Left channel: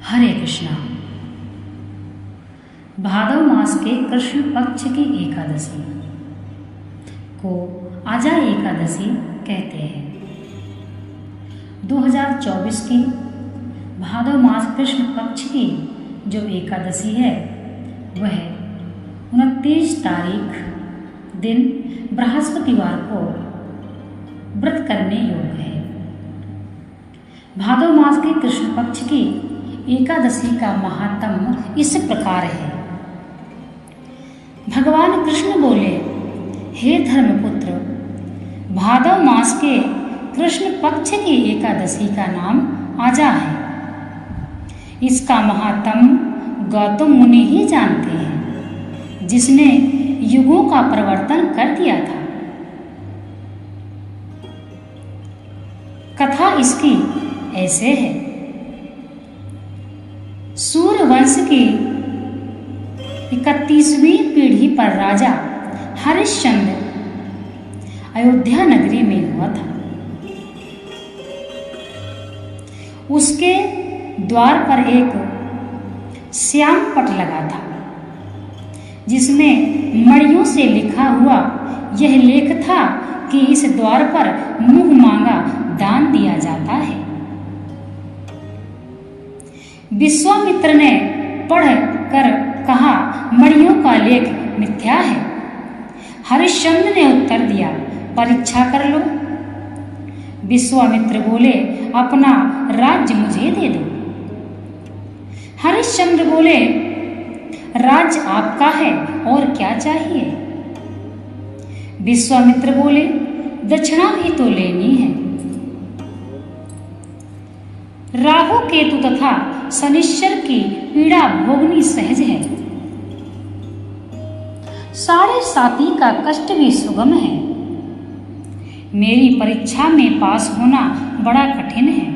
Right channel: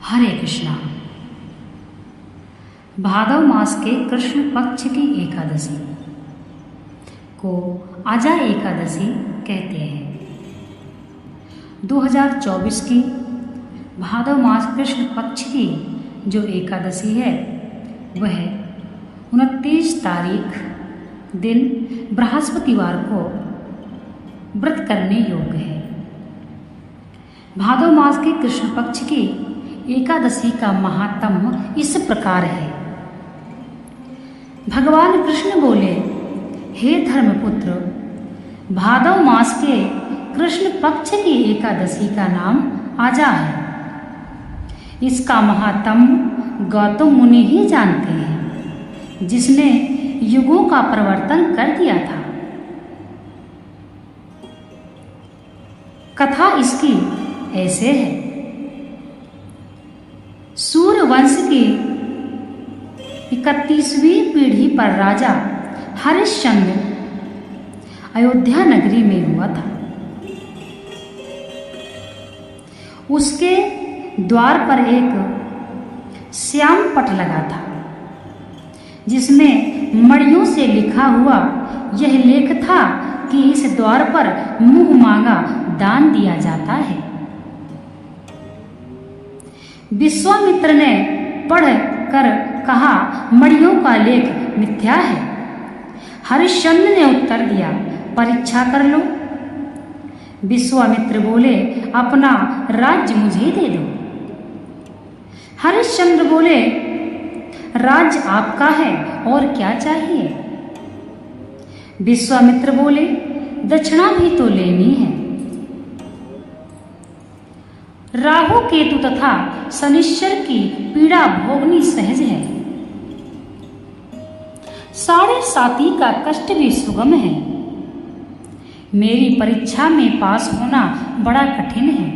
हरे कृष्णा। भादव मास के कृष्ण पक्ष की एकादशी को आजा एकादशी कहते हैं। 2024 की भादव मास कृष्ण पक्ष की जो एकादशी है वह 29 तारीख दिन बृहस्पतिवार को व्रत करने योग्य है। भादव मास के कृष्ण पक्ष की एकादशी का महात्म्य इस प्रकार है। भगवान कृष्ण बोले, हे धर्मपुत्र, भादव मास के कृष्ण पक्ष की एकादशी का नाम आजा है। इसका महात्म्य गौतम मुनि ही जानते हैं, जिसने युगों का परिवर्तन कर दिया था। कथा इसकी ऐसे है। सूर्य वंश की 31वीं पीढ़ी पर राजा हरिश्चंद्र अयोध्या नगरी में हुआ था। उसके द्वार पर एक श्याम पट लगा था, जिसमें मणियों से लिखा हुआ यह लेख था कि इस द्वार पर मुंह मांगा दान दिया जाता है। विश्वामित्र ने पढ़ कर कहा, मणियों का लेख मिथ्या है। हरिश्चंद्र ने उत्तर दिया, परीक्षा कर लो। विश्वामित्र बोले, अपना राज्य मुझे दे दो। हरिश्चंद्र बोले, राज्य आपका है और क्या चाहिए। विश्वामित्र बोले, दक्षिणा भी तो लेनी है। राहु केतु तथा शनिश्चर की पीड़ा भोगनी सहज है। 7.5 का कष्ट भी सुगम है। मेरी परीक्षा में पास होना बड़ा कठिन है।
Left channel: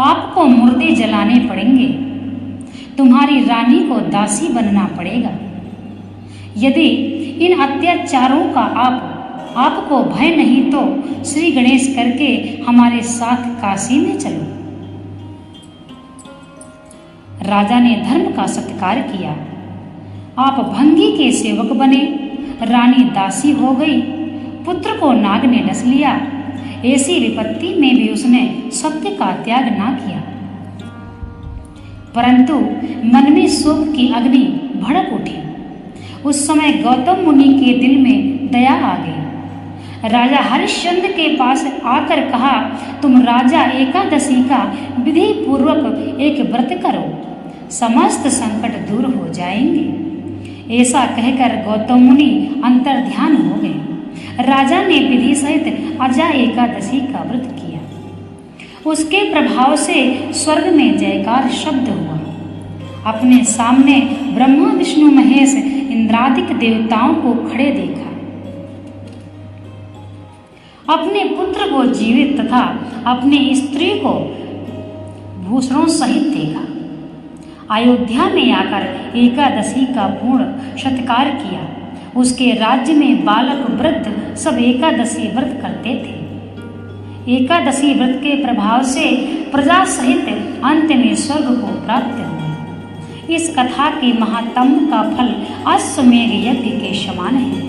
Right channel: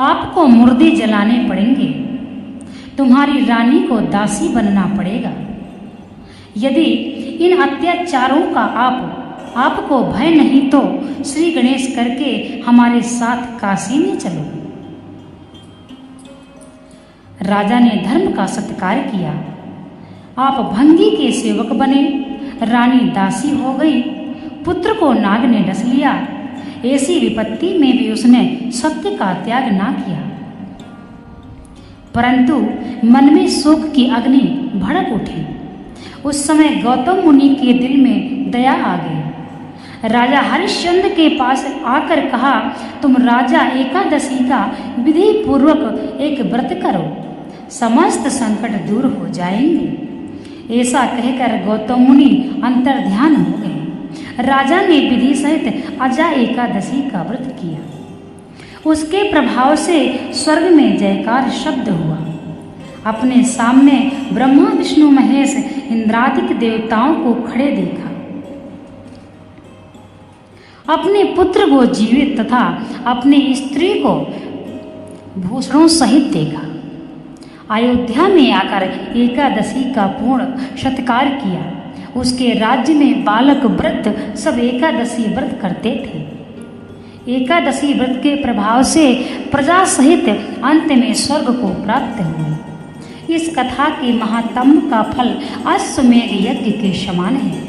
आपको मुर्दे जलाने पड़ेंगे। तुम्हारी रानी को दासी बनना पड़ेगा। यदि इन अत्याचारों का आपको भय नहीं तो श्री गणेश करके हमारे साथ काशी में चलो। राजा ने धर्म का सत्कार किया। आप भंगी के सेवक बने। रानी दासी हो गई। पुत्र को नाग ने डस लिया। ऐसी विपत्ति में भी उसने सत्य का त्याग ना किया, परंतु मन में शोक की अग्नि भड़क उठी। उस समय गौतम मुनि के दिल में दया आ गई। राजा हरिश्चंद्र के पास आकर कहा, तुम राजा एकादशी का विधि पूर्वक एक व्रत करो, समस्त संकट दूर हो जाएंगे। ऐसा कहकर गौतम मुनि अंतर ध्यान हो गए। राजा ने विधि सहित आजा एकादशी का व्रत किया। उसके प्रभाव से स्वर्ग में जयकार शब्द हुआ। अपने सामने ब्रह्मा विष्णु महेश इंद्रादिक देवताओं को खड़े देखा। अपने पुत्र को जीवित तथा अपनी स्त्री को भूषणों सहित देखा। अयोध्या में आकर एकादशी का पूर्ण सत्कार किया। उसके राज्य में बालक वृद्ध सब एकादशी व्रत करते थे। एकादशी व्रत के प्रभाव से प्रजा सहित अंत में स्वर्ग को प्राप्त हुआ। इस कथा के महात्म्य का फल अश्वमेध यज्ञ के समान है।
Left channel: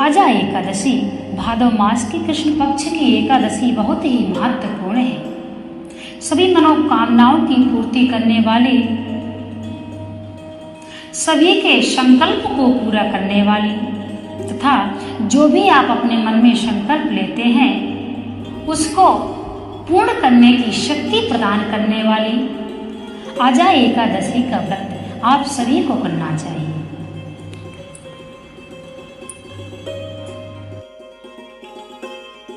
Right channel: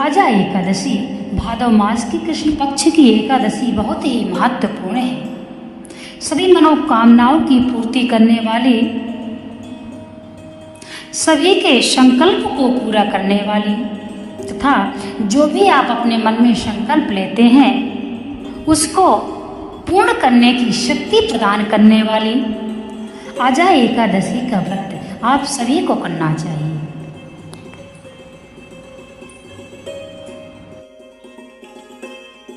आजा एकादशी भादव मास की कृष्ण पक्ष की एकादशी बहुत ही महत्वपूर्ण है। सभी मनोकामनाओं की पूर्ति करने वाली, सभी के संकल्प को पूरा करने वाली तथा जो भी आप अपने मन में संकल्प लेते हैं उसको पूर्ण करने की शक्ति प्रदान करने वाली आजा एकादशी का व्रत आप सभी को करना चाहिए।